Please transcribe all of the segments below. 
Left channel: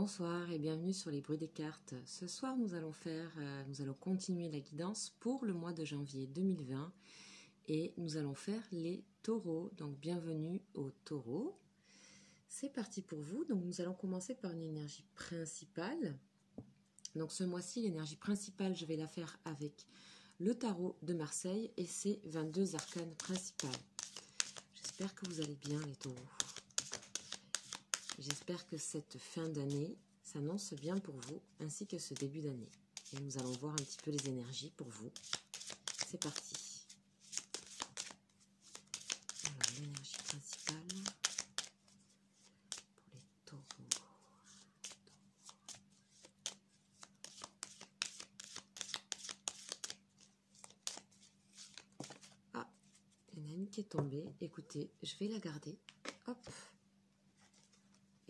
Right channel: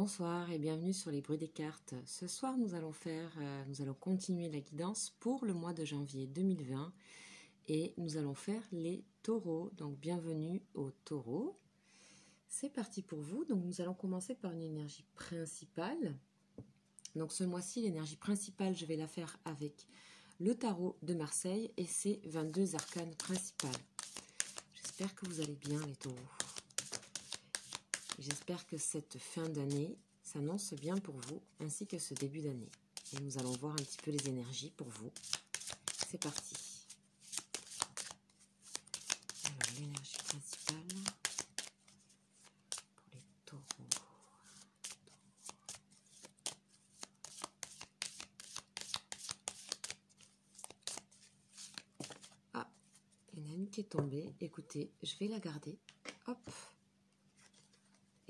Bonsoir et bienvenue sur les bruits des cartes. Ce soir, nous allons continuer la guidance pour le mois de janvier 2020 et nous allons faire les taureaux. Donc, bienvenue aux taureaux. C'est parti pour vous. Donc, nous allons commencer par une énergie principale. Donc, ce mois-ci, l'énergie principale, je vais la faire avec le tarot de Marseille et ses 22 arcanes principales. J'espère que vous allez bien, les taureaux. J'espère que cette fin d'année s'annonce bien pour vous, ainsi que ce début d'année. Et nous allons voir un petit peu les énergies pour vous. C'est parti. Alors, l'énergie principale pour les taureaux. Ah, il y en a une qui est tombée. Écoutez, je vais la garder. Hop.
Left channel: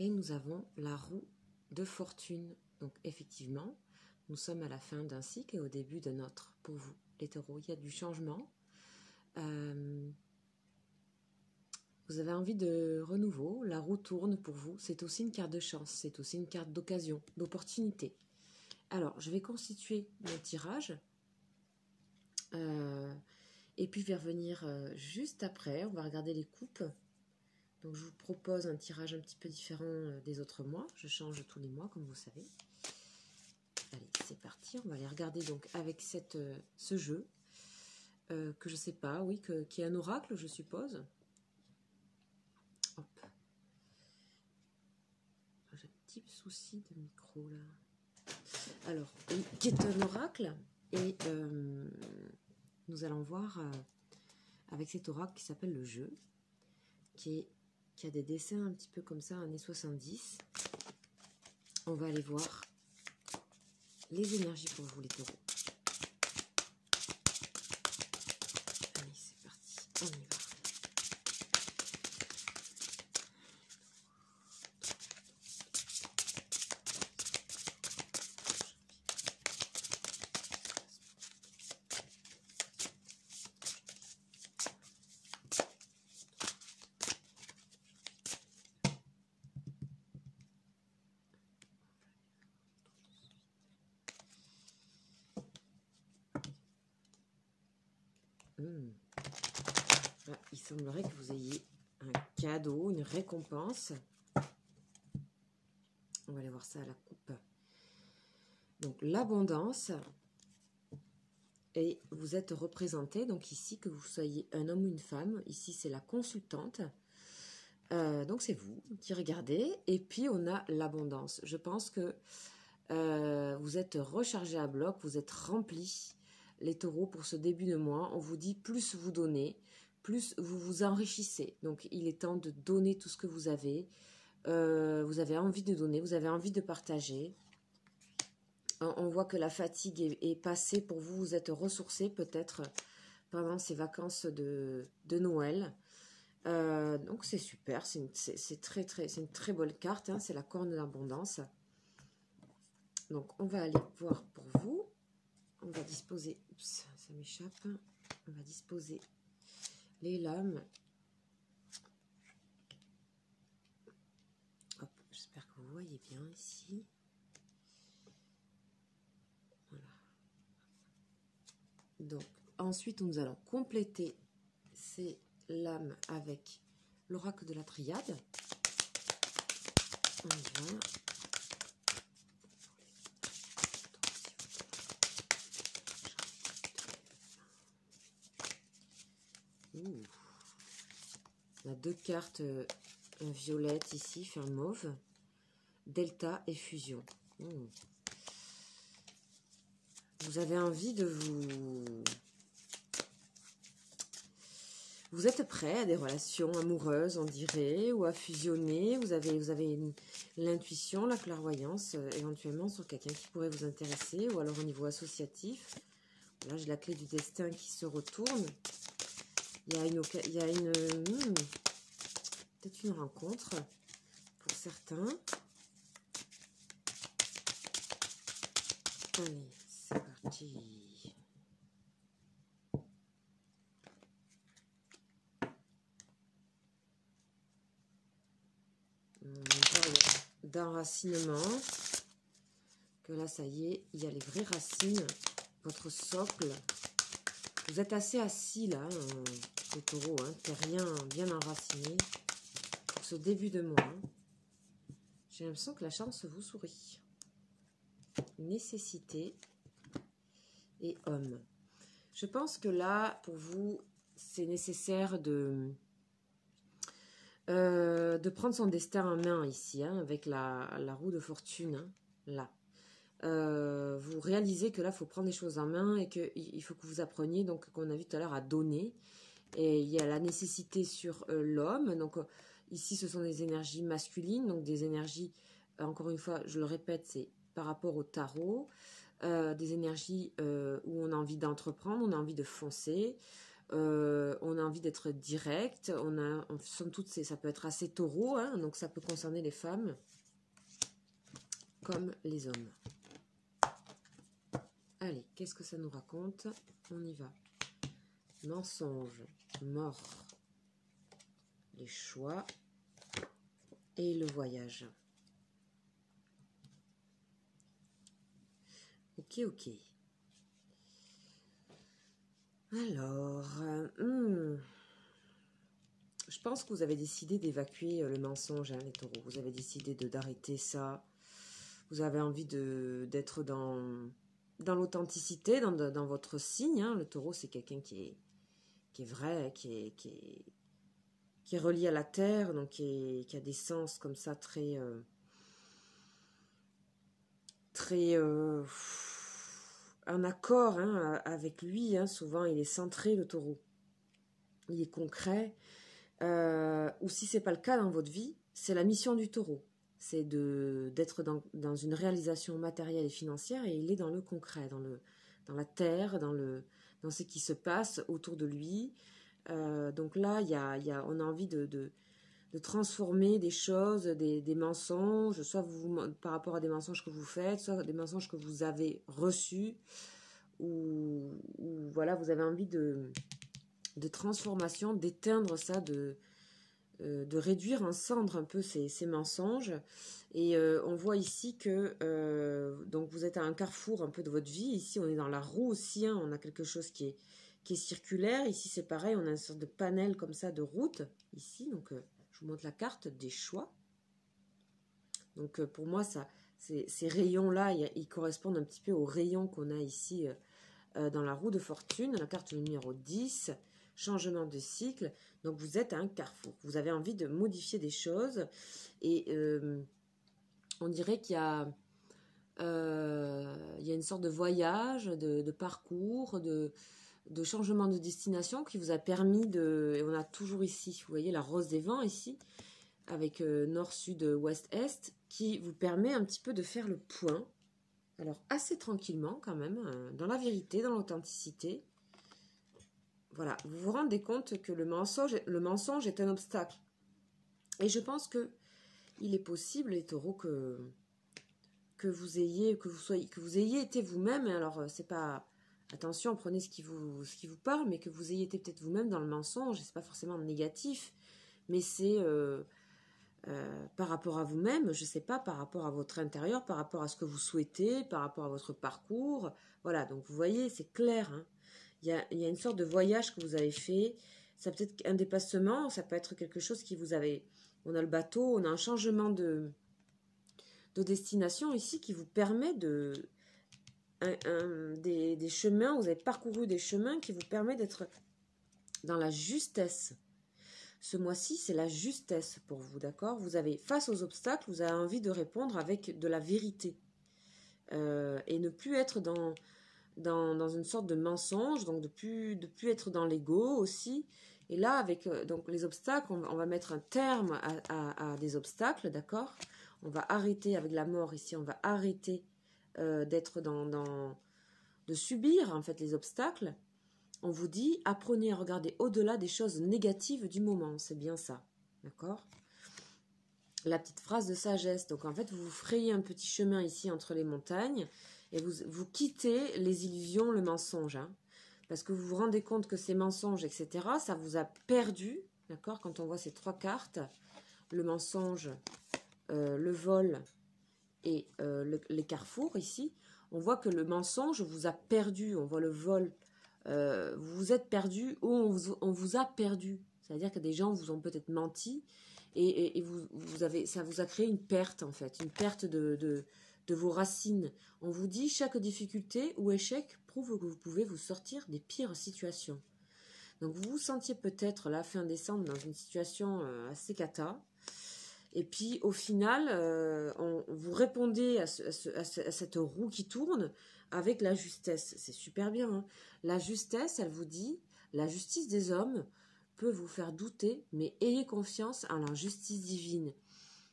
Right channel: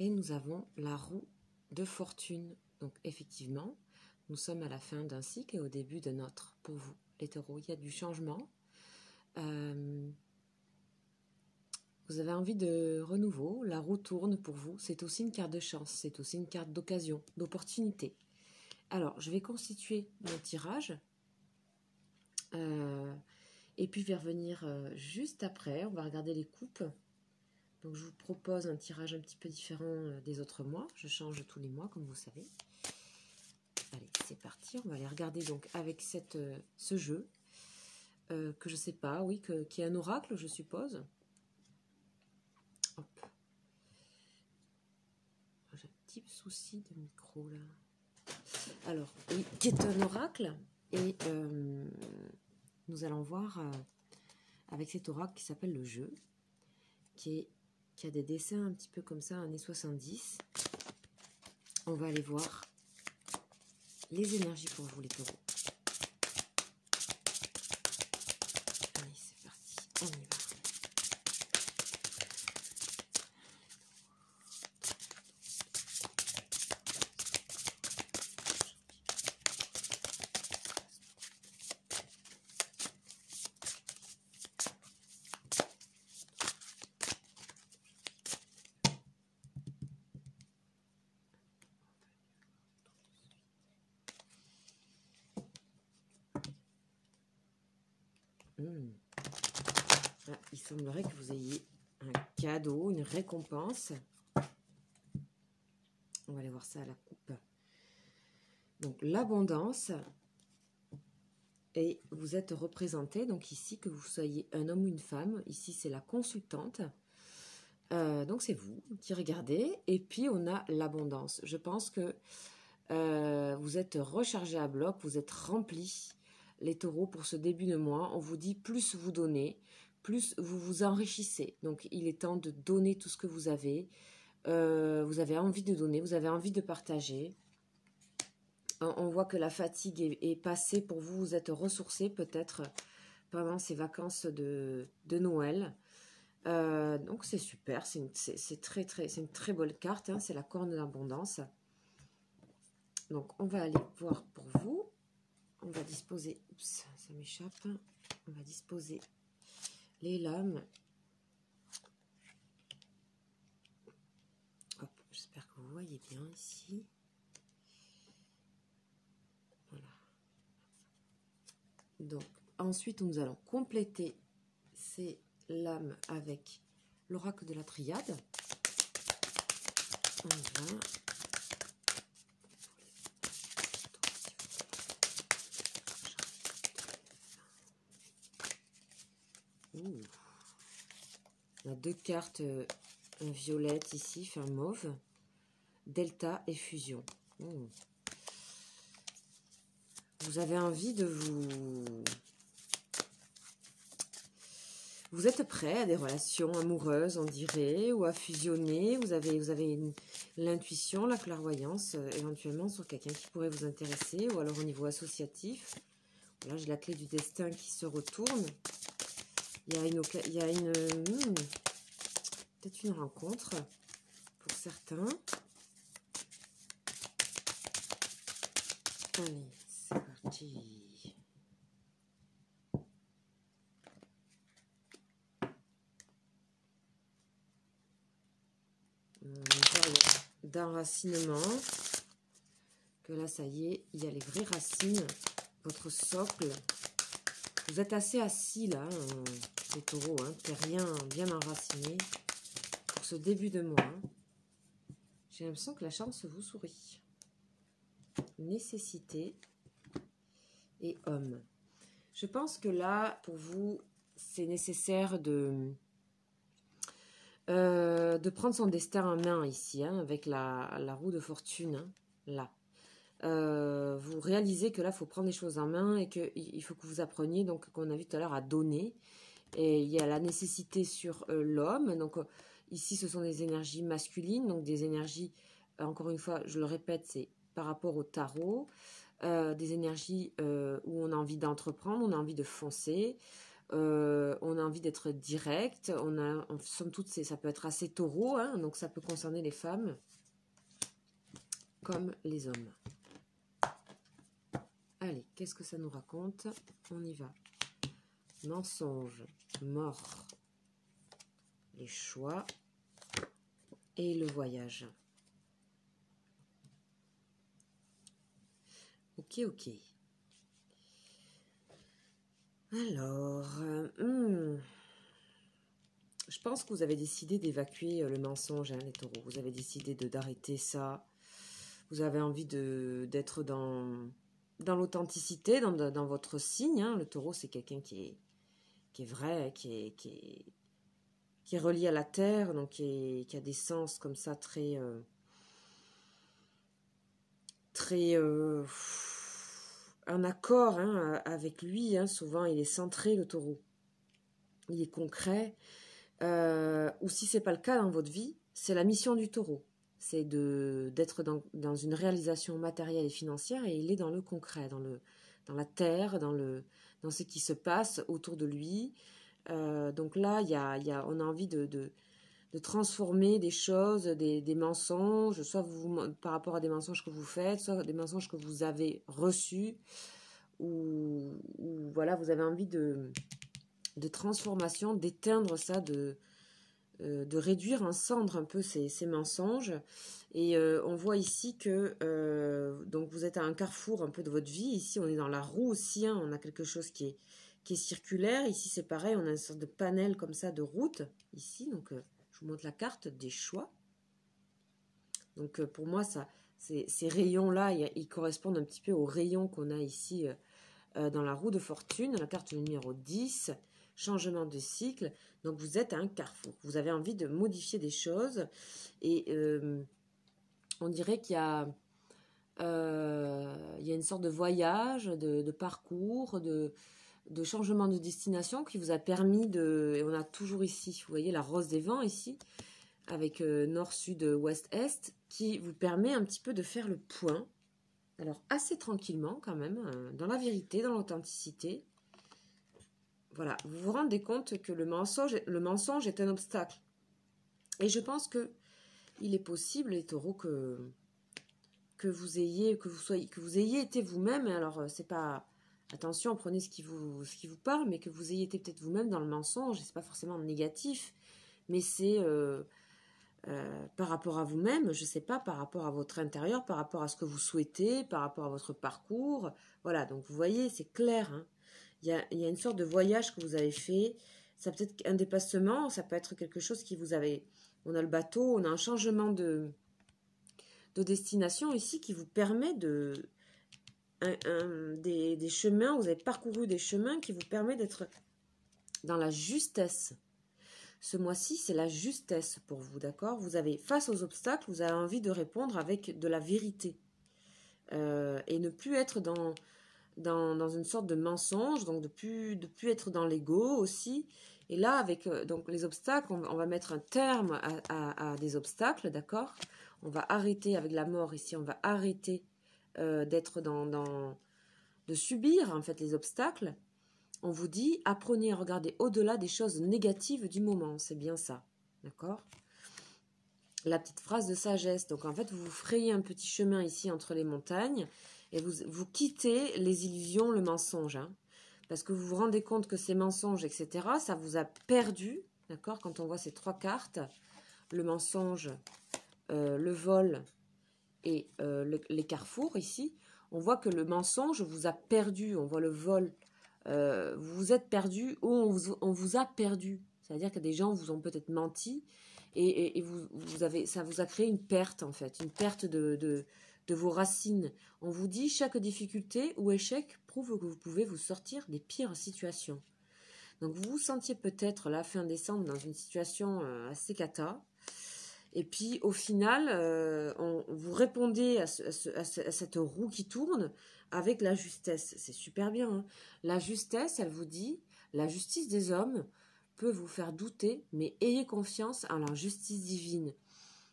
Et nous avons la roue de fortune. Donc effectivement, nous sommes à la fin d'un cycle et au début de notre. Pour vous, les taureaux, il y a du changement. Vous avez envie de renouveau. La roue tourne pour vous. C'est aussi une carte de chance. C'est aussi une carte d'occasion, d'opportunité. Alors, je vais constituer mon tirage. Et puis, je vais revenir juste après. On va regarder les coupes. Donc, je vous propose un tirage un petit peu différent des autres mois. Je change tous les mois, comme vous savez. Allez, c'est parti. On va aller regarder donc avec ce jeu que je sais pas, oui, qui est un oracle, je suppose. Hop. J'ai un petit souci de micro, là. Alors, oui, qui est un oracle. Et nous allons voir avec cet oracle qui s'appelle le jeu, qui a des dessins un petit peu comme ça, années 70. On va aller voir les énergies pour vous, les taureaux. Allez, c'est parti, on y va. Ah, il semblerait que vous ayez un cadeau, une récompense. On va aller voir ça à la coupe. Donc, l'abondance. Et vous êtes représenté, donc ici, que vous soyez un homme ou une femme. Ici, c'est la consultante. Donc, c'est vous qui regardez. Et puis, on a l'abondance. Je pense que vous êtes rechargé à bloc, vous êtes rempli. Les taureaux, pour ce début de mois, on vous dit plus vous donnez, plus vous vous enrichissez. Donc, il est temps de donner tout ce que vous avez. Vous avez envie de donner, vous avez envie de partager. On voit que la fatigue est passée pour vous. Vous êtes ressourcé peut-être pendant ces vacances de Noël. Donc, c'est super. C'est une très bonne carte. Hein, c'est la corne de l'abondance. Donc, on va aller voir pour vous. On va disposer, oups, ça m'échappe, on va disposer les lames. Hop, j'espère que vous voyez bien ici. Voilà. Donc, ensuite, nous allons compléter ces lames avec l'oracle de la triade. On y va. On a deux cartes, un violette ici, un mauve, delta et fusion. Vous avez envie de vous êtes prêt à des relations amoureuses, on dirait, ou à fusionner. Vous avez l'intuition, la clairvoyance, éventuellement sur quelqu'un qui pourrait vous intéresser, ou alors au niveau associatif. Là, j'ai la clé du destin qui se retourne. Il y a peut-être une rencontre pour certains. Allez, c'est parti. d'enracinement. Que là, ça y est, il y a les vraies racines. Votre socle. Vous êtes assez assis là, les taureaux, hein, bien enraciné pour ce début de mois. J'ai l'impression que la chance vous sourit. Nécessité et homme. Je pense que là, pour vous, c'est nécessaire de prendre son destin en main ici, hein, avec la roue de fortune, hein, là. Vous réalisez que là, il faut prendre les choses en main et qu'il faut que vous appreniez, donc, qu'on a vu tout à l'heure, à donner. Et il y a la nécessité sur l'homme. Donc, ici, ce sont des énergies masculines, donc des énergies, encore une fois, je le répète, c'est par rapport au tarot, des énergies où on a envie d'entreprendre, on a envie de foncer, on a envie d'être direct, somme toute, ça peut être assez taureau, hein, donc ça peut concerner les femmes comme les hommes. Allez, qu'est-ce que ça nous raconte? On y va. Mensonge, mort, les choix et le voyage. Ok, ok. Alors, je pense que vous avez décidé d'évacuer le mensonge, hein, les taureaux. Vous avez décidé d'arrêter ça. Vous avez envie d'être dans l'authenticité, dans votre signe. Hein. Le taureau, c'est quelqu'un qui est vrai, qui est relié à la terre, donc qui a des sens comme ça très en accord, hein, avec lui. Hein. Souvent, il est centré, le taureau. Il est concret. Ou si ce n'est pas le cas dans votre vie, c'est la mission du taureau. C'est d'être dans une réalisation matérielle et financière, et il est dans le concret, dans la terre, dans ce qui se passe autour de lui. Donc là, on a envie de transformer des choses, des mensonges, soit par rapport à des mensonges que vous faites, soit des mensonges que vous avez reçus, ou voilà, vous avez envie de transformation, d'éteindre ça, de réduire en cendres un peu ces mensonges. Et on voit ici que donc vous êtes à un carrefour un peu de votre vie. Ici, on est dans la roue aussi, hein, on a quelque chose qui est circulaire. Ici, c'est pareil, on a une sorte de panel comme ça de route, ici. Donc, je vous montre la carte des choix. Donc, pour moi, ces rayons-là, ils correspondent un petit peu aux rayons qu'on a ici dans la roue de fortune. La carte numéro 10, changement de cycle. Donc, vous êtes à un carrefour. Vous avez envie de modifier des choses. Et on dirait qu'il y a une sorte de voyage, de parcours, de changement de destination qui vous a permis et on a toujours ici, vous voyez la rose des vents ici, avec nord, sud, ouest, est, qui vous permet un petit peu de faire le point. Alors, assez tranquillement quand même, dans la vérité, dans l'authenticité. Voilà, vous vous rendez compte que le mensonge est un obstacle. Et je pense que il est possible, les taureaux, que vous ayez été vous-même. Alors, c'est pas... Attention, prenez ce qui vous parle, mais que vous ayez été peut-être vous-même dans le mensonge. C'est pas forcément négatif, mais c'est par rapport à vous-même, je sais pas, par rapport à votre intérieur, par rapport à ce que vous souhaitez, par rapport à votre parcours. Voilà, donc vous voyez, c'est clair, hein. Il y a une sorte de voyage que vous avez fait. Ça peut être un déplacement, ça peut être quelque chose qui vous avait... On a le bateau, on a un changement de destination ici qui vous permet des chemins, vous avez parcouru des chemins qui vous permettent d'être dans la justesse. Ce mois-ci, c'est la justesse pour vous, d'accord? Vous avez, face aux obstacles, vous avez envie de répondre avec de la vérité. Et ne plus être dans une sorte de mensonge, donc de plus être dans l'ego aussi. Et là, avec donc les obstacles, on va mettre un terme à des obstacles, d'accord? On va arrêter avec la mort ici, on va arrêter d'être de subir en fait les obstacles. On vous dit, apprenez à regarder au-delà des choses négatives du moment, c'est bien ça, d'accord? La petite phrase de sagesse, donc en fait vous vous frayez un petit chemin ici entre les montagnes et vous quittez les illusions, le mensonge, hein, parce que vous vous rendez compte que ces mensonges, etc., ça vous a perdu, d'accord? Quand on voit ces trois cartes, le mensonge, le vol et les carrefours ici, on voit que le mensonge vous a perdu, on voit le vol, vous vous êtes perdu ou on vous a perdu. C'est-à-dire que des gens vous ont peut-être menti et ça vous a créé une perte en fait, une perte de vos racines. On vous dit chaque difficulté ou échec prouve que vous pouvez vous sortir des pires situations. Donc vous vous sentiez peut-être la fin décembre dans une situation assez cata. Et puis au final, vous répondez à cette roue qui tourne avec la justesse. C'est super bien. Hein. La justesse, elle vous dit, la justice des hommes peut vous faire douter, mais ayez confiance en la justice divine.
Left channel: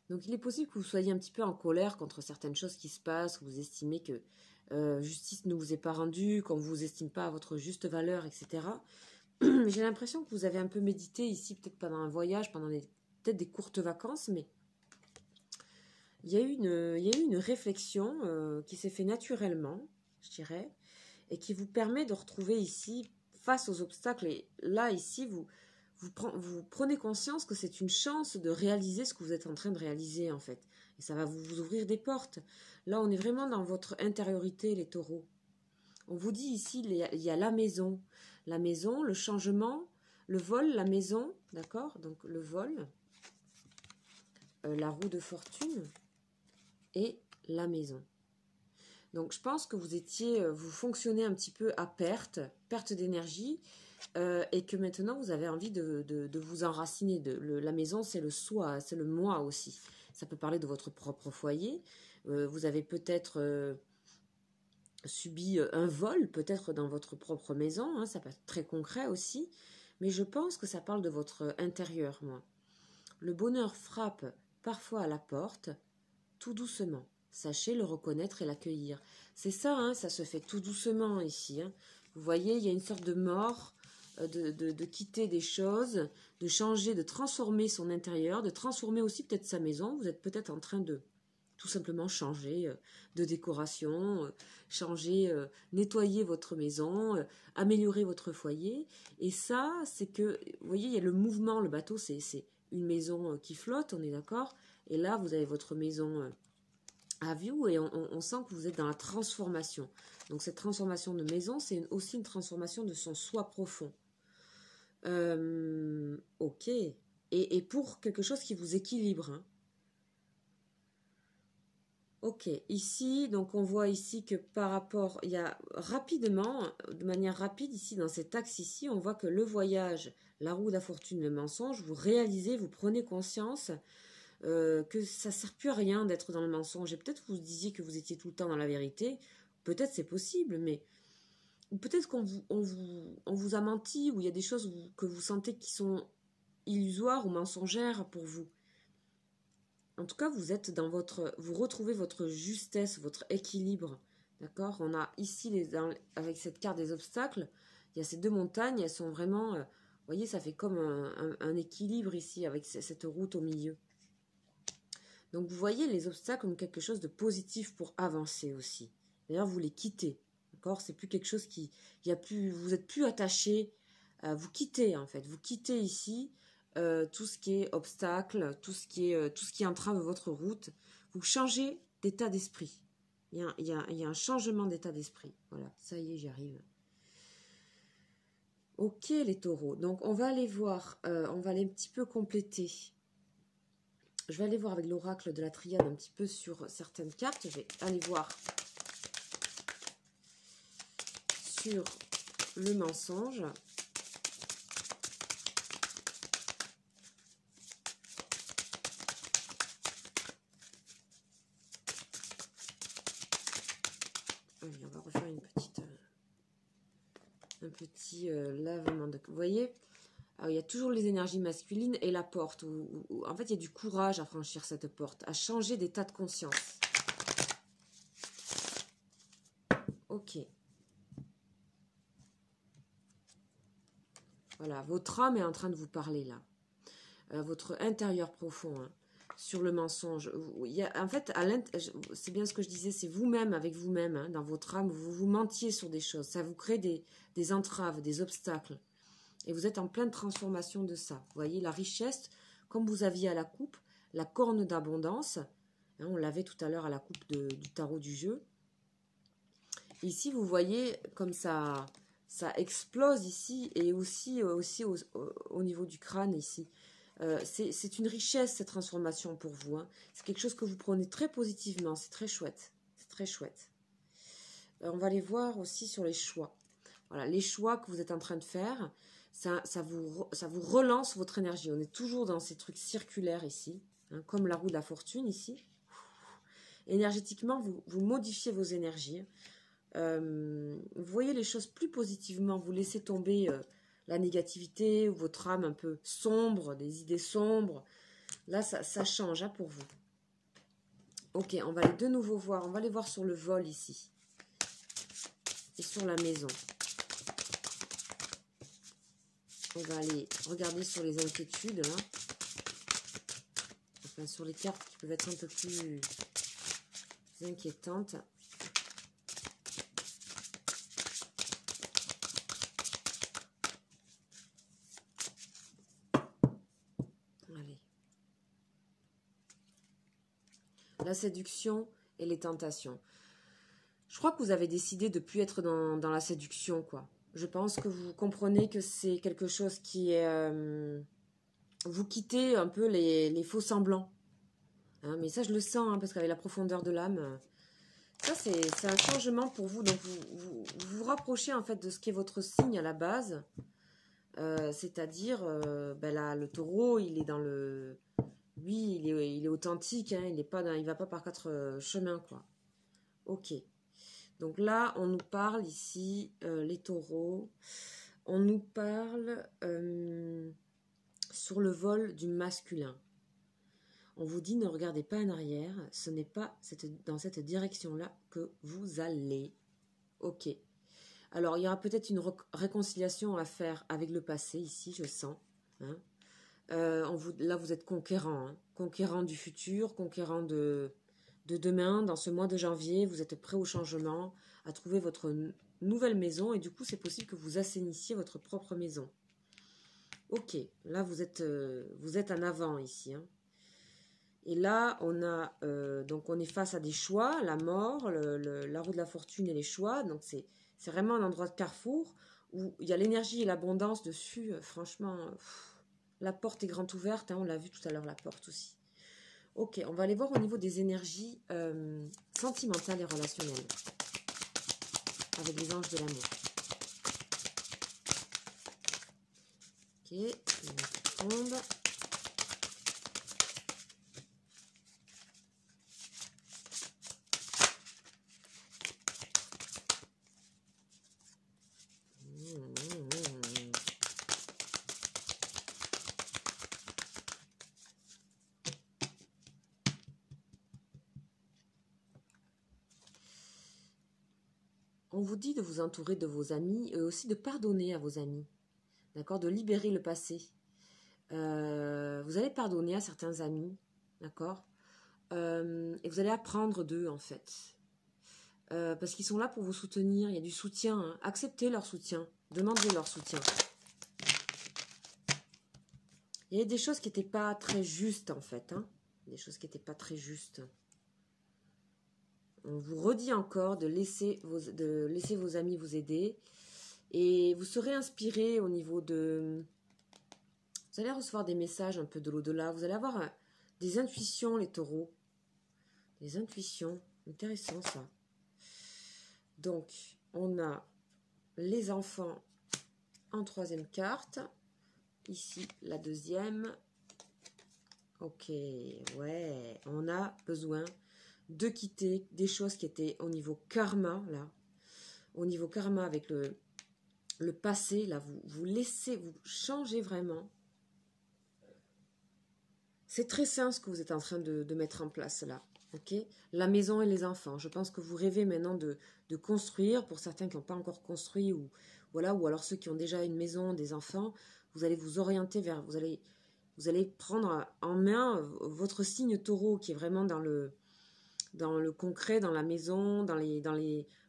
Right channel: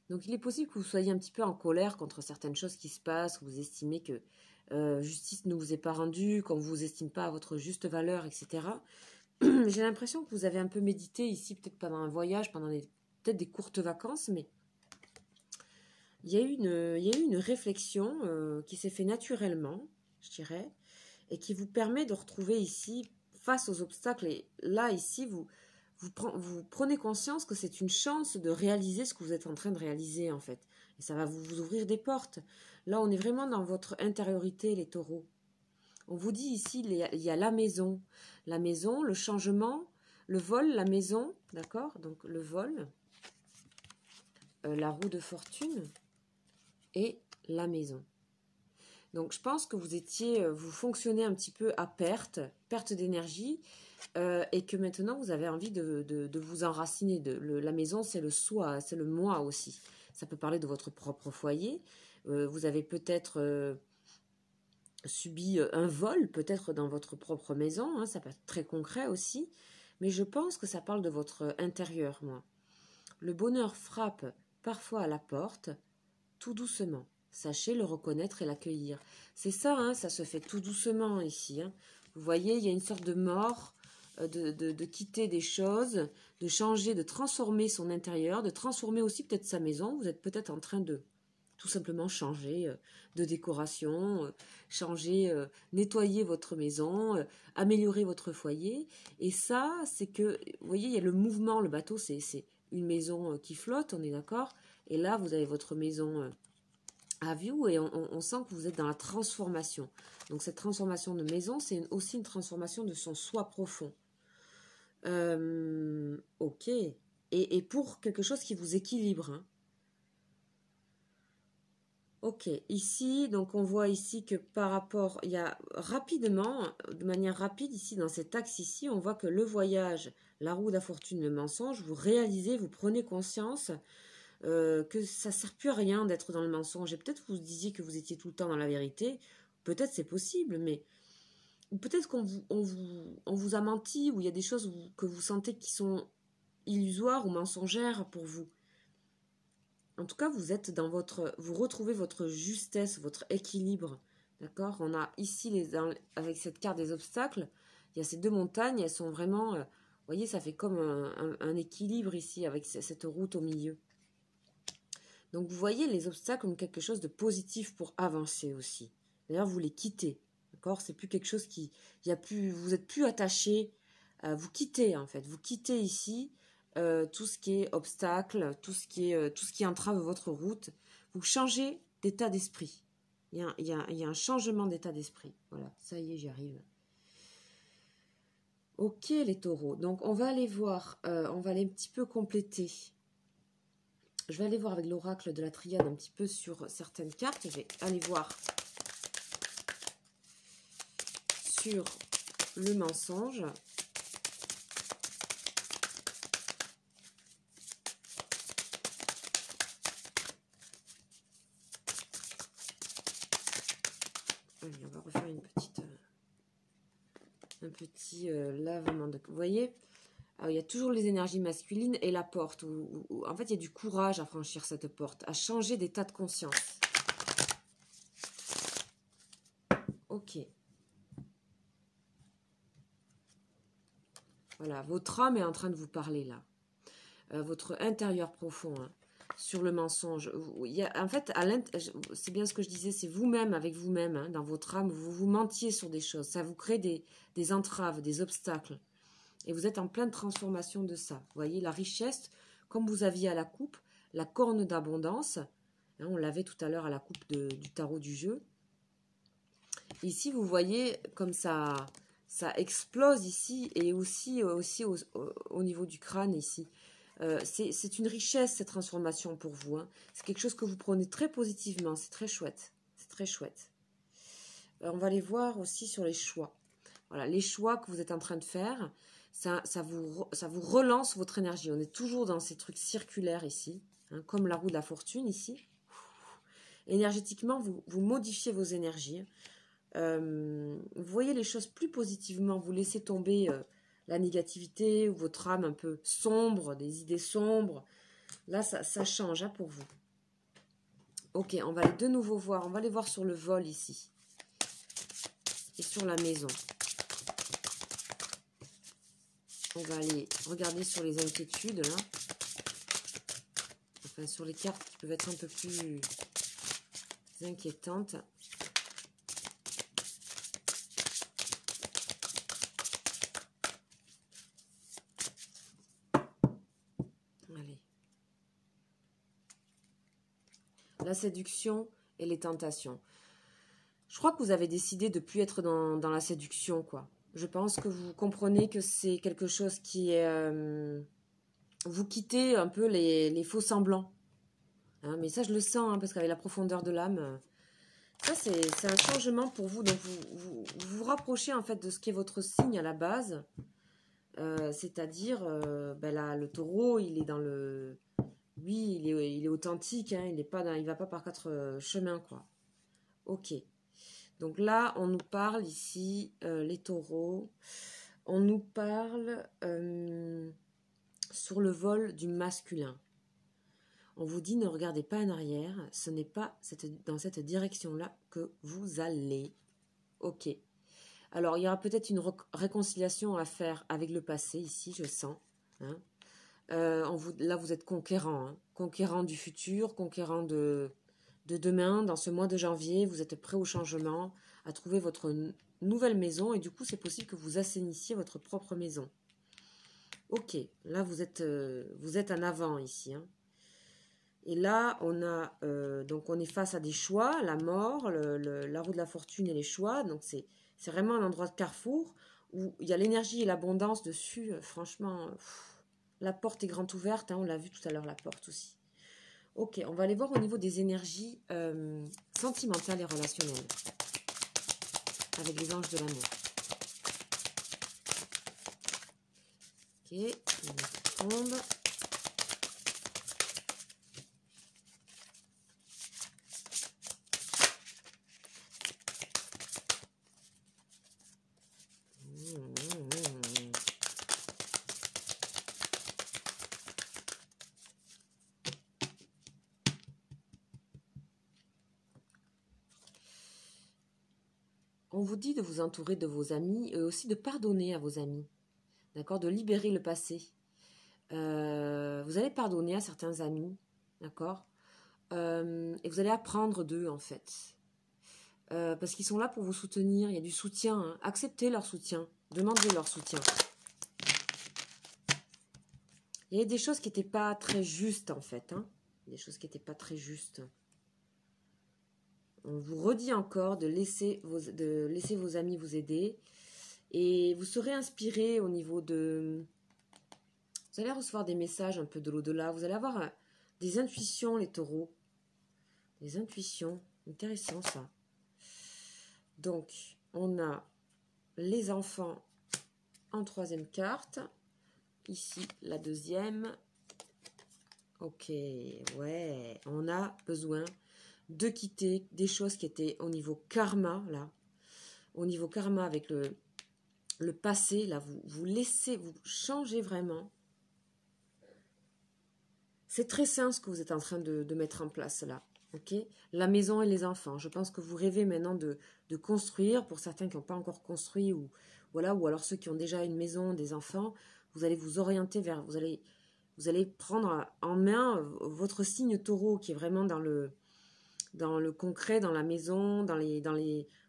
Donc il est possible que vous soyez un petit peu en colère contre certaines choses qui se passent, que vous estimez que justice ne vous est pas rendue, qu'on ne vous estime pas à votre juste valeur, etc. J'ai l'impression que vous avez un peu médité ici, peut-être pendant un voyage, pendant peut-être des courtes vacances, mais il y a eu une réflexion qui s'est faite naturellement, je dirais, et qui vous permet de retrouver ici, face aux obstacles, et là, ici, vous prenez conscience que c'est une chance de réaliser ce que vous êtes en train de réaliser, en fait. Et ça va vous ouvrir des portes. Là, on est vraiment dans votre intériorité, les taureaux. On vous dit ici, il y a la maison. La maison, le changement, le vol, la maison, d'accord? Donc, le vol, la roue de fortune et la maison. Donc, je pense que vous fonctionnez un petit peu à perte d'énergie, et que maintenant, vous avez envie de vous enraciner. La maison, c'est le soi, c'est le moi aussi. Ça peut parler de votre propre foyer. Vous avez peut-être subi un vol, peut-être dans votre propre maison. Hein, ça peut être très concret aussi. Mais je pense que ça parle de votre intérieur, moi. Le bonheur frappe parfois à la porte, tout doucement. Sachez le reconnaître et l'accueillir. C'est ça, hein, ça se fait tout doucement ici. Hein. Vous voyez, il y a une sorte de mort, de quitter des choses, de changer, de transformer son intérieur, de transformer aussi peut-être sa maison. Vous êtes peut-être en train de tout simplement changer de décoration, nettoyer votre maison, améliorer votre foyer. Et ça, c'est que, vous voyez, il y a le mouvement, le bateau, c'est une maison qui flotte, on est d'accord. Et là, vous avez votre maison à vue et on sent que vous êtes dans la transformation. Donc cette transformation de maison, c'est aussi une transformation de son soi profond. Ok. Et pour quelque chose qui vous équilibre. Hein. Ok. Ici, donc on voit ici que par rapport, il y a rapidement, de manière rapide ici, dans cet axe ici, on voit que le voyage, la roue de la fortune, le mensonge, vous réalisez, vous prenez conscience que ça ne sert plus à rien d'être dans le mensonge. Et peut-être vous disiez que vous étiez tout le temps dans la vérité. Peut-être c'est possible, mais peut-être qu'on vous a menti, ou il y a des choses que vous sentez qui sont illusoires ou mensongères pour vous. En tout cas, vous retrouvez votre justesse, votre équilibre. D'accord? On a ici, avec cette carte des obstacles, il y a ces deux montagnes, elles sont vraiment, vous voyez, ça fait comme un équilibre ici, avec cette route au milieu. Donc, vous voyez les obstacles comme quelque chose de positif pour avancer aussi. D'ailleurs, vous les quittez. D'accord? C'est plus quelque chose vous êtes plus attaché. Vous quittez, en fait. Vous quittez ici tout ce qui est obstacle, tout ce qui entrave votre route. Vous changez d'état d'esprit. Il y a un changement d'état d'esprit. Voilà, ça y est, j'y arrive. Ok, les taureaux. Donc, on va aller voir, on va aller un petit peu compléter. Je vais aller voir avec l'oracle de la triade un petit peu sur certaines cartes. Je vais aller voir sur le mensonge. Allez, on va refaire un petit lavement de... Vous voyez ? Alors, il y a toujours les énergies masculines et la porte. En fait, il y a du courage à franchir cette porte, à changer d'état de conscience. Ok. Voilà, votre âme est en train de vous parler là. Votre intérieur profond, hein, sur le mensonge. En fait, c'est bien ce que je disais, c'est vous-même avec vous-même, hein, dans votre âme, vous mentiez sur des choses. Ça vous crée des entraves, des obstacles. Et vous êtes en pleine transformation de ça. Vous voyez, la richesse, comme vous aviez à la coupe, la corne d'abondance, Hein, on l'avait tout à l'heure à la coupe du tarot du jeu. Ici, vous voyez comme ça explose ici et aussi au niveau du crâne ici. C'est une richesse, cette transformation pour vous. Hein. C'est quelque chose que vous prenez très positivement. C'est très chouette. C'est très chouette. On va les voir aussi sur les choix. Voilà, les choix que vous êtes en train de faire, ça vous relance votre énergie. On est toujours dans ces trucs circulaires ici, hein, comme la roue de la fortune ici. Énergétiquement, vous modifiez vos énergies. Vous voyez les choses plus positivement. Vous laissez tomber la négativité ou votre âme un peu sombre, des idées sombres. Là, ça change hein, pour vous. Ok, on va aller de nouveau voir. On va aller voir sur le vol ici. Et sur la maison. On va aller regarder sur les inquiétudes, là. Enfin, sur les cartes qui peuvent être un peu plus inquiétantes. Allez. La séduction et les tentations. Je crois que vous avez décidé de ne plus être dans la séduction, quoi. Je pense que vous comprenez que c'est quelque chose qui est... vous quittez un peu les faux semblants. Hein, mais ça, je le sens, hein, parce qu'avec la profondeur de l'âme, ça, c'est un changement pour vous. Donc, vous rapprochez, en fait, de ce qui est votre signe à la base. C'est-à-dire, le taureau, il est dans le... Lui, il est authentique, hein, il va pas par quatre chemins, quoi. Ok. Donc là, on nous parle ici, les taureaux, on nous parle sur le vol du masculin. On vous dit, ne regardez pas en arrière, ce n'est pas dans cette direction-là que vous allez. Ok. Alors, il y aura peut-être une réconciliation à faire avec le passé, ici, je sens. Hein. Là, vous êtes conquérant, hein, conquérant du futur, conquérant de demain, dans ce mois de janvier, vous êtes prêt au changement, à trouver votre nouvelle maison, et du coup, c'est possible que vous assainissiez votre propre maison. Ok, là, vous êtes en avant ici. Hein. Et là, donc on est face à des choix, la mort, la roue de la fortune et les choix. Donc, c'est vraiment un endroit de carrefour où il y a l'énergie et l'abondance dessus. Franchement, la porte est grande ouverte. Hein, on l'a vu tout à l'heure, la porte aussi. Ok, on va aller voir au niveau des énergies sentimentales et relationnelles. Avec les anges de l'amour. Ok, une tombe. On vous dit de vous entourer de vos amis et aussi de pardonner à vos amis. D'accord, de libérer le passé. Vous allez pardonner à certains amis, d'accord, et vous allez apprendre d'eux, en fait. Parce qu'ils sont là pour vous soutenir, il y a du soutien. Hein. Acceptez leur soutien, demandez leur soutien. Il y a des choses qui n'étaient pas très justes, en fait. Hein. Des choses qui n'étaient pas très justes. On vous redit encore de laisser vos amis vous aider. Et vous serez inspiré au niveau de... Vous allez recevoir des messages un peu de l'au-delà. Vous allez avoir des intuitions, les taureaux. Des intuitions. Intéressant, ça. Donc, on a les enfants en troisième carte. Ici, la deuxième. Ok, ouais. On a besoin de quitter des choses qui étaient au niveau karma, là. Au niveau karma avec le passé, là, vous changez vraiment. C'est très sain ce que vous êtes en train de mettre en place, là. Ok, la maison et les enfants. Je pense que vous rêvez maintenant de construire. Pour certains qui n'ont pas encore construit, ou alors ceux qui ont déjà une maison, des enfants, vous allez vous orienter vers... Vous allez prendre en main votre signe taureau qui est vraiment dans le concret, dans la maison,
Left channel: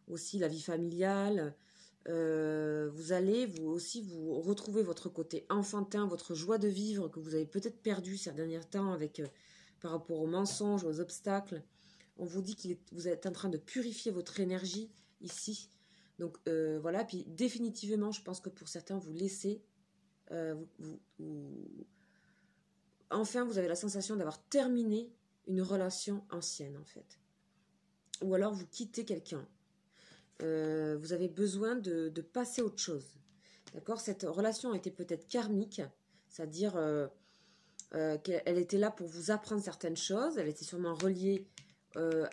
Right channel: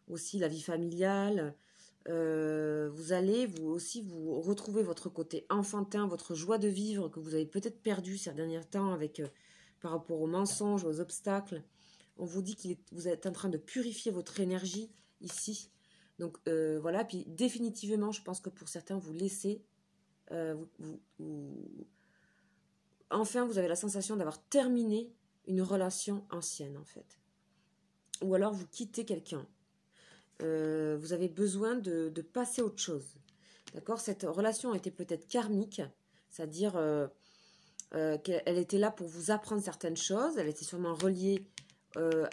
aussi la vie familiale. Vous allez vous retrouver votre côté enfantin, votre joie de vivre que vous avez peut-être perdu ces derniers temps avec par rapport aux mensonges, aux obstacles. On vous dit que vous êtes en train de purifier votre énergie ici. Donc voilà, puis définitivement, je pense que pour certains, vous laissez, enfin, vous avez la sensation d'avoir terminé une relation ancienne, en fait. Ou alors, vous quittez quelqu'un. Vous avez besoin de passer à autre chose. D'accord? Cette relation était peut-être karmique, c'est-à-dire qu'elle était là pour vous apprendre certaines choses. Elle était sûrement reliée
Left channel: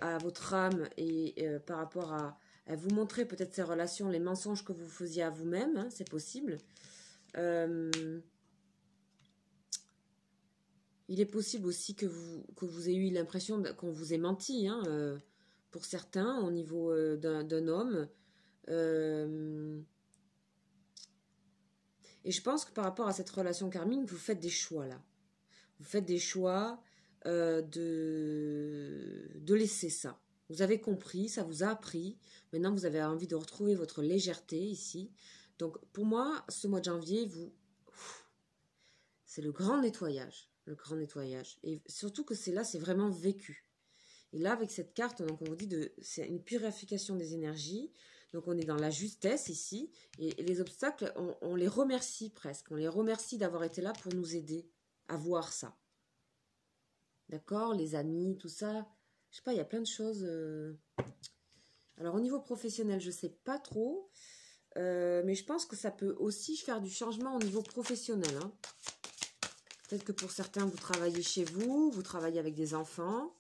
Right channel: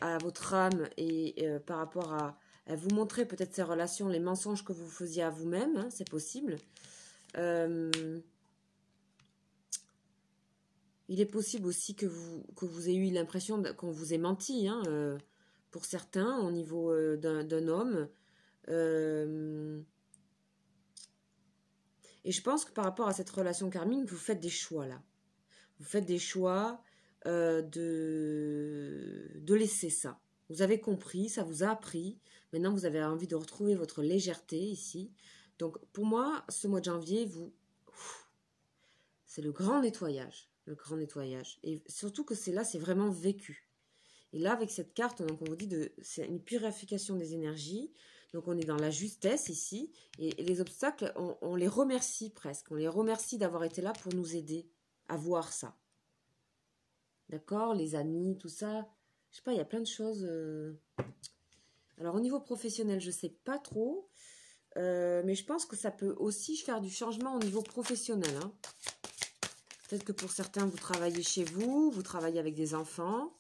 à votre âme et par rapport à vous montrer peut-être ces relations, les mensonges que vous faisiez à vous-même, hein, c'est possible. Il est possible aussi que vous ayez eu l'impression qu'on vous ait menti, hein, pour certains, au niveau d'un homme. Et je pense que par rapport à cette relation karmique, vous faites des choix là. Vous faites des choix de laisser ça. Vous avez compris, ça vous a appris. Maintenant, vous avez envie de retrouver votre légèreté ici. Donc, pour moi, ce mois de janvier, c'est le grand nettoyage. Le grand nettoyage. Et surtout que c'est vraiment vécu. Et là, avec cette carte, donc on vous dit c'est une purification des énergies. Donc, on est dans la justesse ici. Et les obstacles, on les remercie presque. On les remercie d'avoir été là pour nous aider à voir ça. D'accord? Les amis, tout ça. Je sais pas, il y a plein de choses. Alors, au niveau professionnel, je sais pas trop. Mais je pense que ça peut aussi faire du changement au niveau professionnel. Hein. Peut-être que pour certains, vous travaillez chez vous, vous travaillez avec des enfants.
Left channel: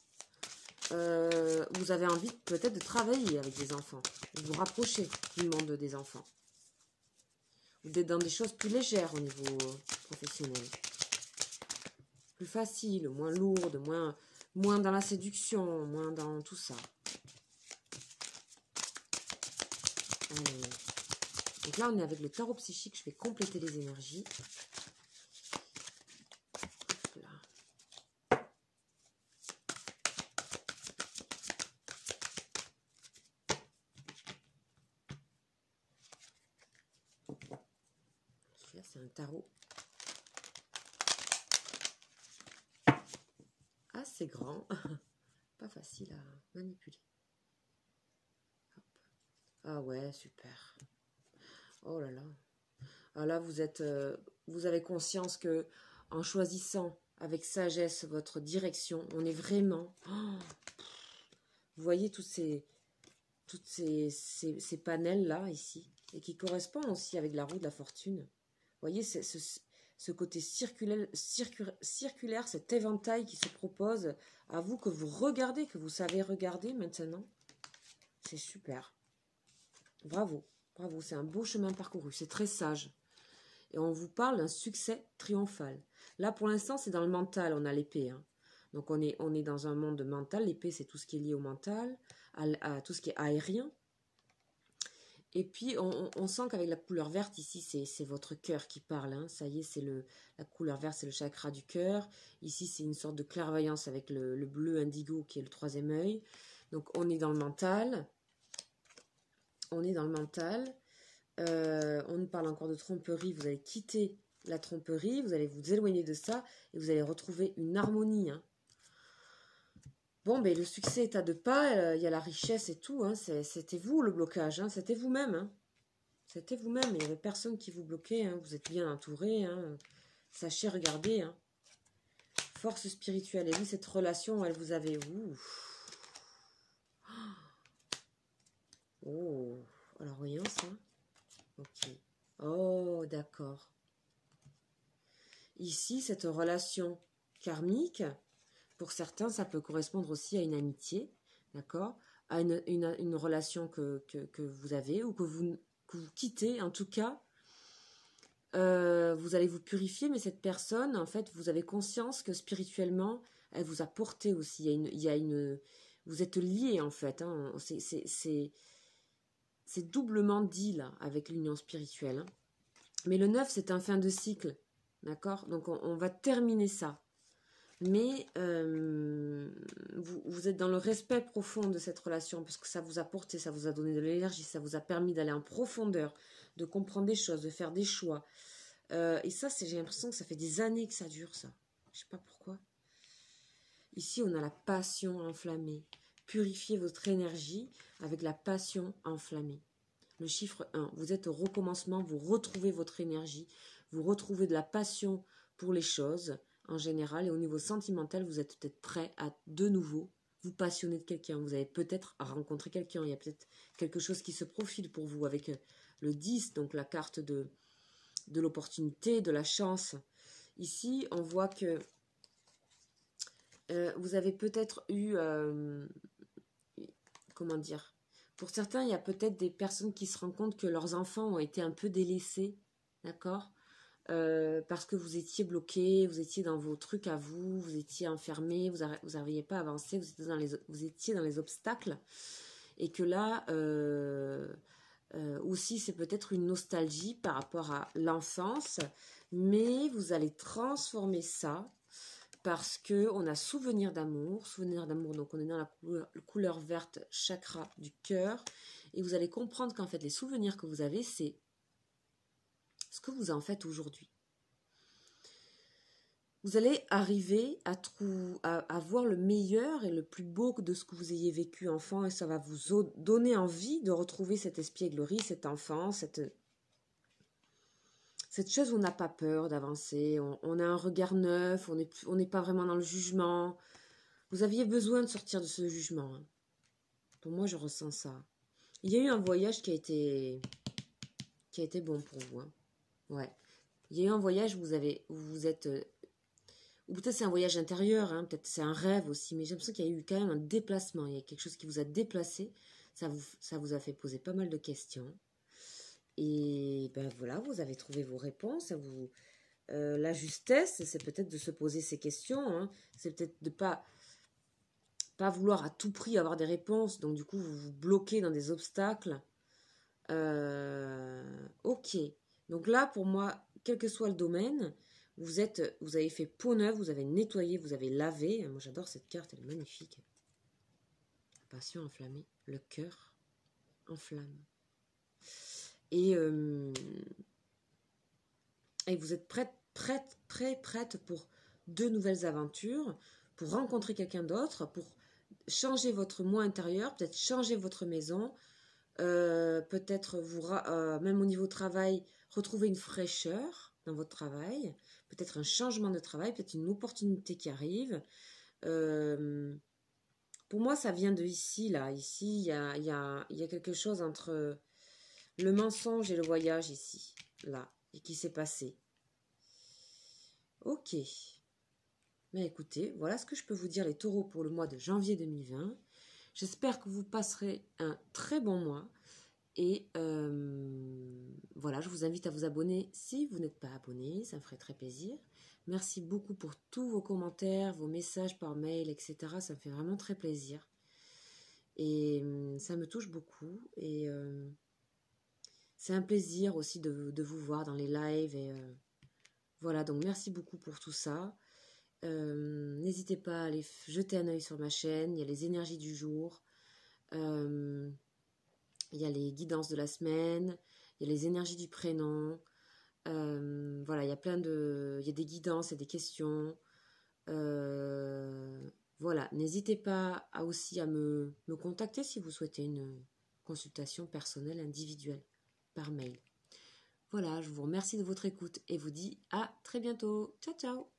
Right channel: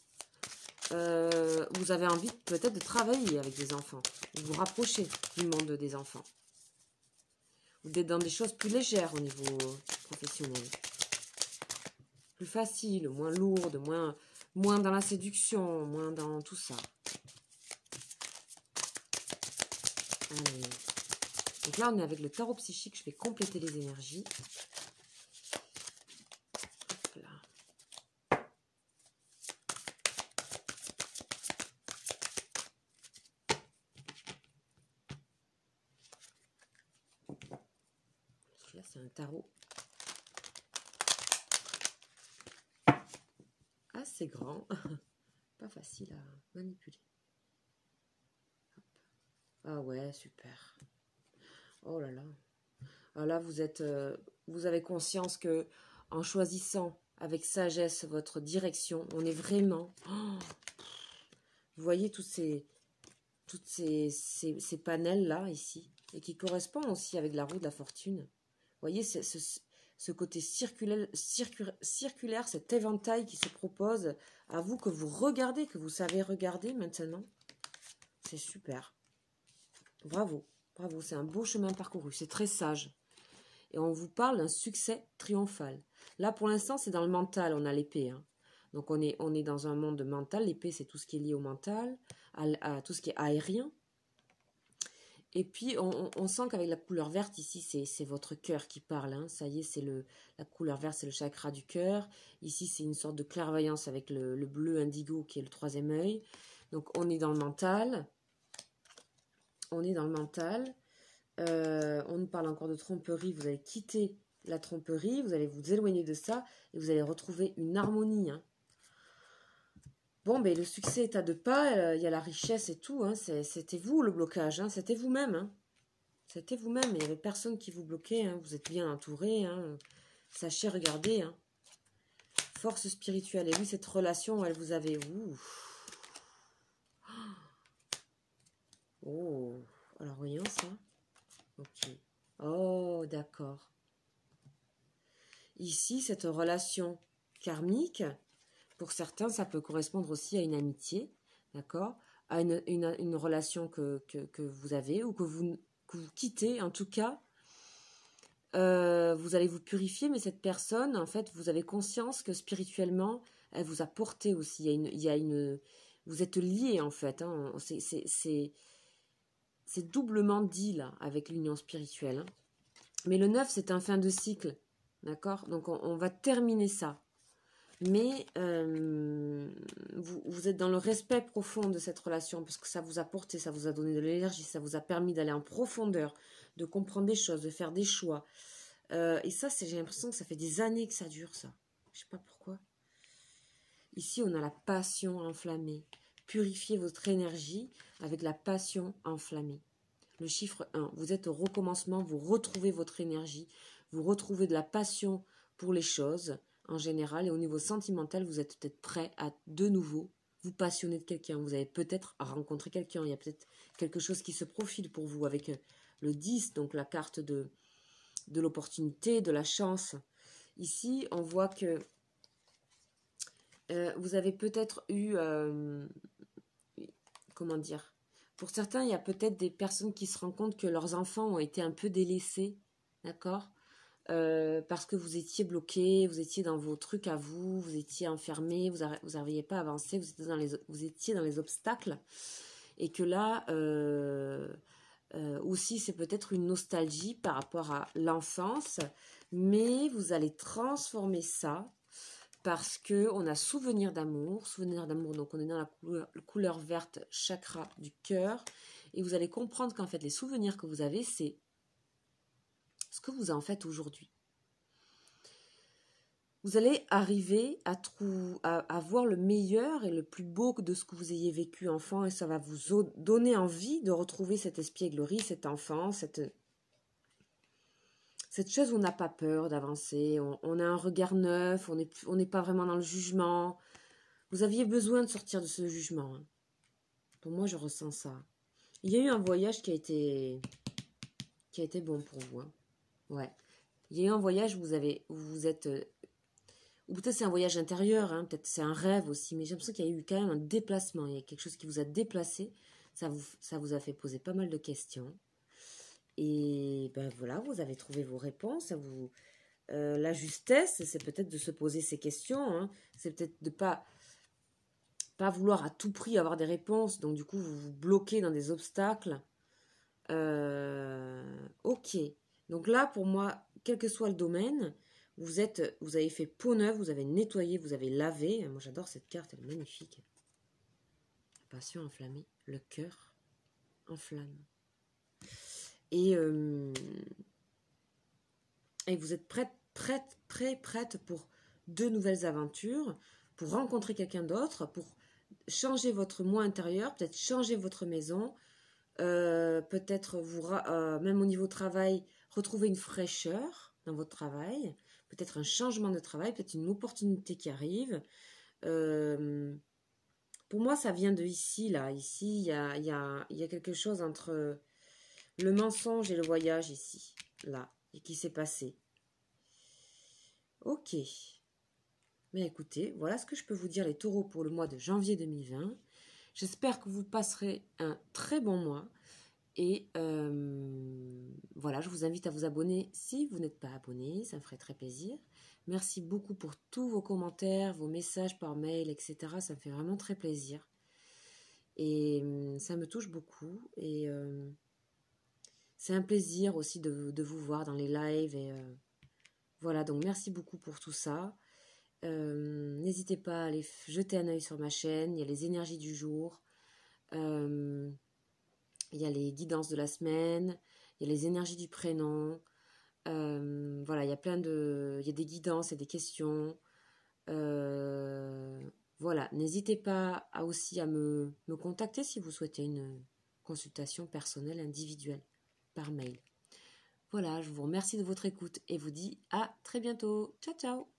Vous avez envie peut-être de travailler avec des enfants. De vous rapprocher du monde des enfants. Ou d'être dans des choses plus légères au niveau professionnel. Plus facile, moins lourde, moins dans la séduction, moins dans tout ça. Allez. Donc là, on est avec le tarot psychique. Je vais compléter les énergies. Celui-là, c'est un tarot assez grand. Pas facile à manipuler. Hop. Ah ouais, super. Oh là là. Alors là, vous avez conscience que en choisissant avec sagesse votre direction, on est vraiment... Oh, vous voyez toutes ces panels-là, ici, et qui correspondent aussi avec la roue de la fortune. Vous voyez ce côté circulaire, cet éventail qui se propose à vous, que vous regardez, que vous savez regarder maintenant. C'est super. Bravo, bravo, c'est un beau chemin parcouru, c'est très sage. Et on vous parle d'un succès triomphal. Là, pour l'instant, c'est dans le mental, on a l'épée. Hein. Donc, on est dans un monde mental. L'épée, c'est tout ce qui est lié au mental, à tout ce qui est aérien. Et puis, on sent qu'avec la couleur verte, ici, c'est votre cœur qui parle. Hein. Ça y est, la couleur verte, c'est le chakra du cœur. Ici, c'est une sorte de clairvoyance avec le bleu indigo qui est le troisième œil. Donc, on est dans le mental. On est dans le mental. On nous parle encore de tromperie. Vous allez quitter la tromperie. Vous allez vous éloigner de ça. Et vous allez retrouver une harmonie. Hein. Bon, ben le succès est à deux pas, il y a la richesse et tout, hein, c'était vous le blocage, hein, c'était vous-même. Hein. C'était vous-même, il n'y avait personne qui vous bloquait, hein, vous êtes bien entouré. Hein, sachez regarder. Hein. Force spirituelle, et oui, cette relation, elle vous avait... Oh, alors voyons ça. Ok. Oh, d'accord. Ici, cette relation karmique... Pour certains, ça peut correspondre aussi à une amitié, d'accord, à une relation que vous avez ou que vous quittez. En tout cas, vous allez vous purifier, mais cette personne, en fait, vous avez conscience que spirituellement, elle vous a porté aussi. Vous êtes liés, en fait. Hein, c'est doublement dit, là, avec l'union spirituelle. Hein. Mais le 9, c'est un fin de cycle, d'accord. Donc, on va terminer ça. Mais vous êtes dans le respect profond de cette relation parce que ça vous a porté, ça vous a donné de l'énergie, ça vous a permis d'aller en profondeur, de comprendre des choses, de faire des choix. Et ça, j'ai l'impression que ça fait des années que ça dure, ça. Je sais pas pourquoi. Ici, on a la passion enflammée. Purifiez votre énergie avec la passion enflammée. Le chiffre 1, vous êtes au recommencement, vous retrouvez votre énergie, vous retrouvez de la passion pour les choses en général. Et au niveau sentimental, vous êtes peut-être prêt à de nouveau vous passionner de quelqu'un. Vous avez peut-être rencontré quelqu'un. Il y a peut-être quelque chose qui se profile pour vous avec le 10, donc la carte de l'opportunité, de la chance. Ici, on voit que vous avez peut-être eu... comment dire? Pour certains, il y a peut-être des personnes qui se rendent compte que leurs enfants ont été un peu délaissés, d'accord? Parce que vous étiez bloqué, vous étiez dans vos trucs à vous, vous étiez enfermé, vous n'arriviez pas à avancer, vous étiez dans les obstacles. Et que là, aussi, c'est peut-être une nostalgie par rapport à l'enfance, mais vous allez transformer ça parce qu'on a souvenir d'amour, donc on est dans la couleur verte, chakra du cœur, et vous allez comprendre qu'en fait, les souvenirs que vous avez, c'est ce que vous en faites aujourd'hui. Vous allez arriver à voir le meilleur et le plus beau de ce que vous ayez vécu enfant, et ça va vous donner envie de retrouver cette espièglerie, cet enfant, cette chose où on n'a pas peur d'avancer, on a un regard neuf, on n'est pas vraiment dans le jugement. Vous aviez besoin de sortir de ce jugement. Hein. Pour moi, je ressens ça. Il y a eu un voyage qui a été bon pour vous. Hein. Ouais. Il y a eu un voyage où vous êtes... ou peut-être c'est un voyage intérieur, hein, peut-être c'est un rêve aussi, mais j'ai l'impression qu'il y a eu quand même un déplacement. Il y a quelque chose qui vous a déplacé. Ça vous a fait poser pas mal de questions. Et ben voilà, vous avez trouvé vos réponses. La justesse, c'est peut-être de se poser ces questions. Hein. C'est peut-être de pas vouloir à tout prix avoir des réponses. Donc du coup, vous vous bloquez dans des obstacles. Ok. Donc là, pour moi, quel que soit le domaine, vous avez fait peau neuve, vous avez nettoyé, vous avez lavé. Moi, j'adore cette carte, elle est magnifique. La passion enflammée, le cœur en flamme. Et vous êtes prête pour de nouvelles aventures, pour rencontrer quelqu'un d'autre, pour changer votre moi intérieur, peut-être changer votre maison, peut-être même au niveau travail, retrouver une fraîcheur dans votre travail, peut-être un changement de travail, peut-être une opportunité qui arrive. Pour moi, ça vient de ici, là. Ici, il y a quelque chose entre... le mensonge et le voyage ici, là, et qui s'est passé. Ok. Mais écoutez, voilà ce que je peux vous dire les taureaux pour le mois de janvier 2020. J'espère que vous passerez un très bon mois. Et voilà, je vous invite à vous abonner si vous n'êtes pas abonné, ça me ferait très plaisir. Merci beaucoup pour tous vos commentaires, vos messages par mail, etc. Ça me fait vraiment très plaisir. Et ça me touche beaucoup. Et... c'est un plaisir aussi de vous voir dans les lives. Et voilà, donc merci beaucoup pour tout ça. N'hésitez pas à aller jeter un œil sur ma chaîne. Il y a les énergies du jour. Il y a les guidances de la semaine. Il y a les énergies du prénom. Voilà, il y a des guidances et des questions. Voilà, n'hésitez pas aussi à me contacter si vous souhaitez une consultation personnelle individuelle par mail. Voilà, je vous remercie de votre écoute et vous dis à très bientôt. Ciao, ciao!